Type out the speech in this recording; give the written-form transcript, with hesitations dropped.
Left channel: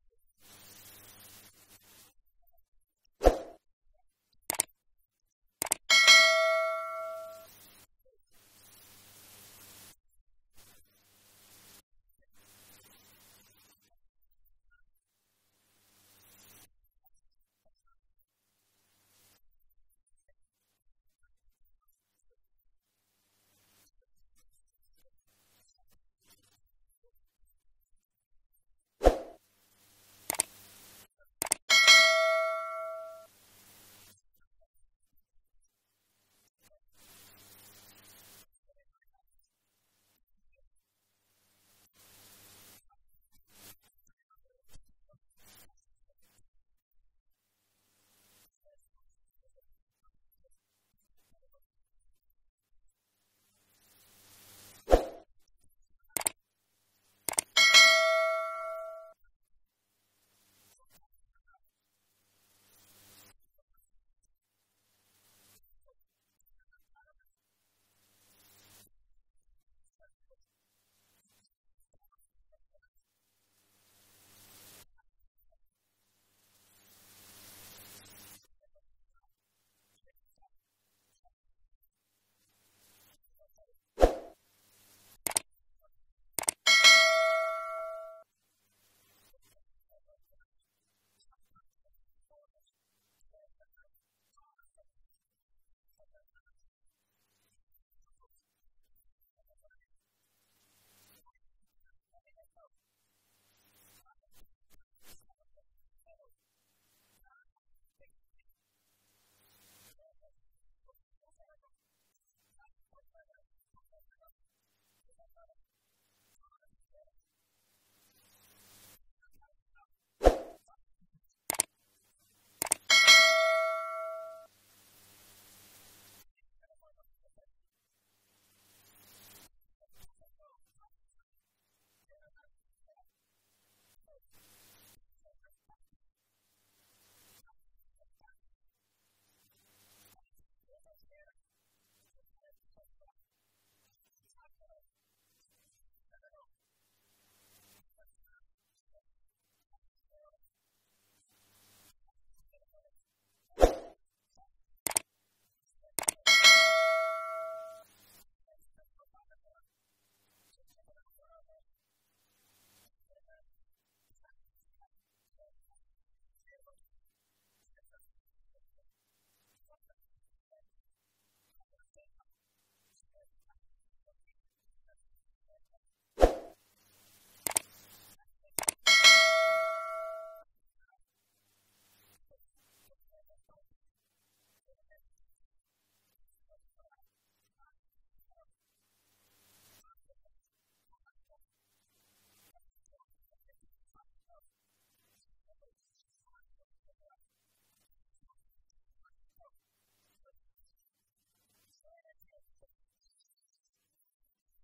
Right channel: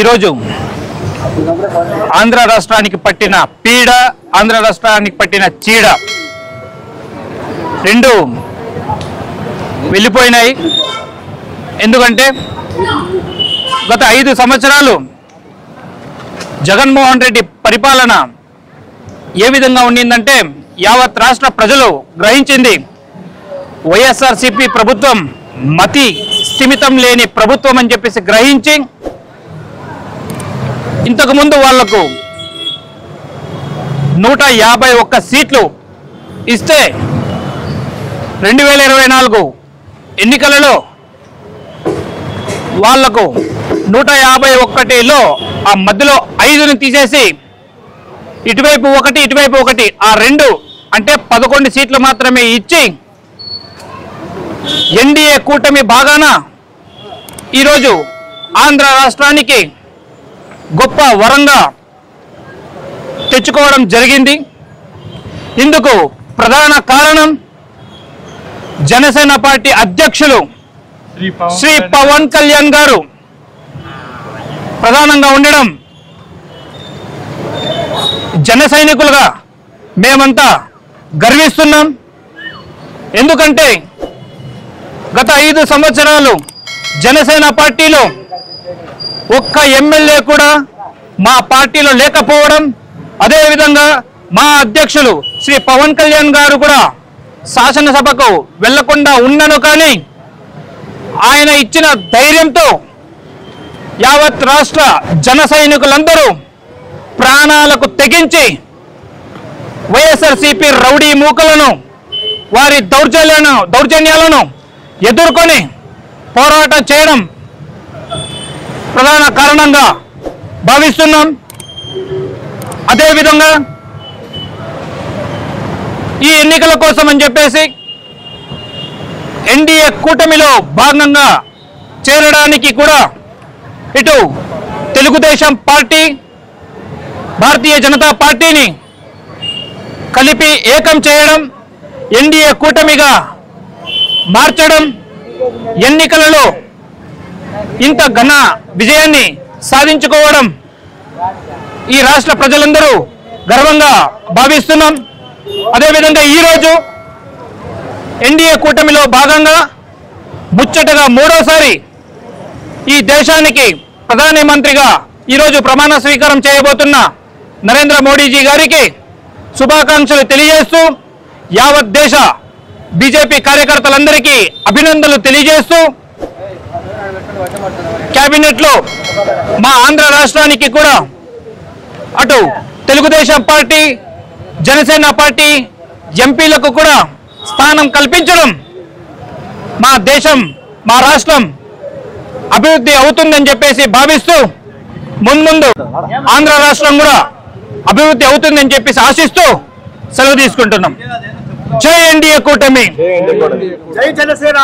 ఈరోజు ఆంధ్ర రాష్ట్రానికి పట్టిన పీడ, ఆంధ్ర రాష్ట్రానికి పట్టిన చీడ రెండు వెళ్ళిపోయినాయి. ఎందుకంటే గత 5 సంవత్సరాలు జగన్మోహన్ రెడ్డి పరిపాలన ఏ విధంగా ఉండిందంటే యావత్ రాష్ట్ర ప్రజలు గ్రహించింది వైఎస్ఆర్సీపీ ప్రభుత్వం మతి స్థిమితం లేని ప్రభుత్వం అని చెప్పేసి గ్రహించి ఇంతకుముందు వాళ్లకు 151 సీట్లు ఇస్తే 2024 ఎన్నికలలో వాళ్లకు 151లో ఆ మధ్యలో 5ని తీసేసి ఇటువైపు ఒకటి ఆ 2 అంటే 11 సీట్లు మాత్రమే ఇచ్చి ఎన్డీఏ కూటమి భాగాన ఈరోజు ఆంధ్ర రాష్ట్రానికి గొప్ప వరంగా తెచ్చుకోవడం జరిగింది. ఇందుకు ప్రధాన కారణం జనసేన పార్టీ అధ్యక్షులు శ్రీ పవన్ కళ్యాణ్ గారు ప్రధానంగా ఉండడం. జన సైనికులుగా మేమంతా గర్విస్తున్నాం. ఎందుకంటే గత 5 సంవత్సరాలు జనసేన పార్టీలో ఒక్క ఎమ్మెల్యే కూడా మా పార్టీలో లేకపోవడం, అదేవిధంగా మా అధ్యక్షులు శ్రీ పవన్ కళ్యాణ్ గారు కూడా శాసనసభకు వెళ్లకుండా ఉన్నను. కానీ ఆయన ఇచ్చిన ధైర్యంతో యావత్ రాష్ట్ర జన సైనికులందరూ ప్రాణాలకు తెగించి వైఎస్ఆర్సీపీ రౌడీ మూకలను, వారి దౌర్జన్యాలను ఎదుర్కొని పోరాటం చేయడం ప్రధాన కారణంగా భావిస్తున్నాం. అదేవిధంగా ఈ ఎన్నికల కోసం అని చెప్పేసి ఎన్డీఏ కూటమిలో భాగంగా చేరడానికి కూడా ఇటు తెలుగుదేశం పార్టీ, భారతీయ జనతా పార్టీని కలిపి ఏకం చేయడం, ఎన్డీఏ కూటమిగా మార్చడం, ఎన్నికలలో ఇంత ఘన విజయాన్ని సాధించుకోవడం ఈ రాష్ట్ర ప్రజలందరూ గర్వంగా భావిస్తున్నాం. అదేవిధంగా ఈరోజు ఎన్డీఏ కూటమిలో భాగంగా ముచ్చటగా 3వసారి ఈ దేశానికి ప్రధానమంత్రిగా ఈరోజు ప్రమాణ స్వీకారం చేయబోతున్న నరేంద్ర మోడీజీ గారికి శుభాకాంక్షలు తెలియజేస్తూ, యావత్ దేశ బీజేపీ కార్యకర్తలందరికీ అభినందనలు తెలియజేస్తూ, కేబినెట్లో మా ఆంధ్ర రాష్ట్రానికి కూడా అటు తెలుగుదేశం పార్టీ, జనసేన పార్టీ ఎంపీలకు కూడా స్థానం కల్పించడం మా దేశం, మా రాష్ట్రం అభివృద్ధి అవుతుందని చెప్పేసి భావిస్తూ, ముందు ఆంధ్ర రాష్ట్రం కూడా అభివృద్ధి అవుతుందని చెప్పేసి ఆశిస్తూ సెలవు తీసుకుంటున్నాం. జై ఎన్డీఏ కూటమి, జై జనసేన.